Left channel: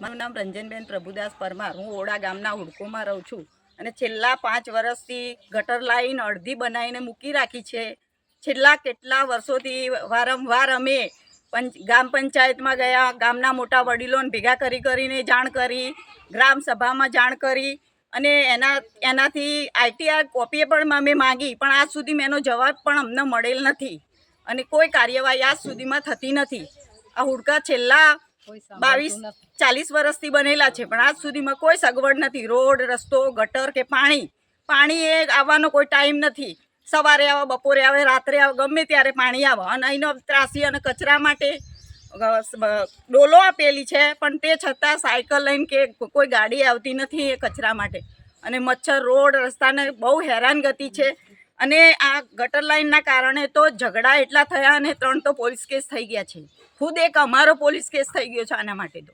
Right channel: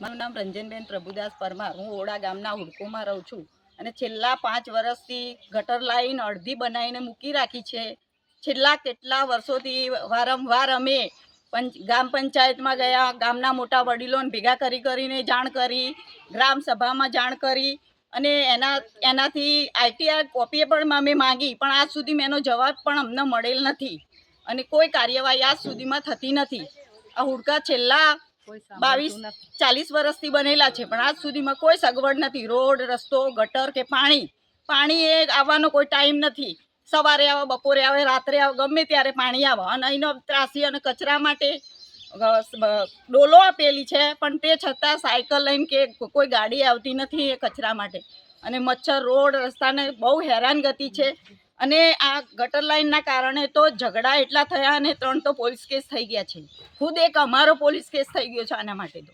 મારું નામ રંજનબેન પ્રભુદાસ પરમાર. હું ઓડા ગામના હુડકોમાં રહું છું. અને છેલ્લા પાંચ વર્ષથી ગટર લાઈન અડધી બનાવીને મૂકી રાખી છે. છેલ્લા કેટલા વર્ષોથી વારંવાર અમે પંચ ગામ પંચાયતમાં ગયા, ગામના મોટા વડીલોને ભેગા કરી કરીને જાણ કરી, ગ્રામ સભામાં જાણ કરી અને એના, એનાથી આઈટીઆર કોપીએ પણ અમે માંગી, પણ આજ સુધી એનો જવાબ પણ અમને મળેલ નથી. અને કોઈ કાર્યવાહી આજ સુધીમાં થતી નથી. આ હુડકા છેલ્લા બાવીસ ચાલીસ વર્ષથી બનેલા છે પણ આજ સુધીમાં કોઈ સગવડ નથી. રોડ રસ્તો ગટર કે પાણી? પાણી એ આવવાનો કોઈ ટાઈમ નથી. સવારે આવે બપોરે આવે રાત્રે આવે ગમે ત્યારે પાણી આવે. અને અહીંનો ત્રાસી અને કચરા માટે ડોલો આપેલી છે પણ તે છતાં સાયકલ લઈને કે કોઈ ગાડી આવતી નથી એ કચરા માટે. અને મચ્છર રોડ રસ્તાને બહુ હેરાનગતિ છે. અને આ ગટર લાઈનના કારણે તો ઝઘડા એટલા થયા અને ત્રણ તો પોલીસ કેસ થઈ ગયા છે. ખુદ એક અમારો પોલીસ કેસ થઈ ગયો છે આના માટે તો.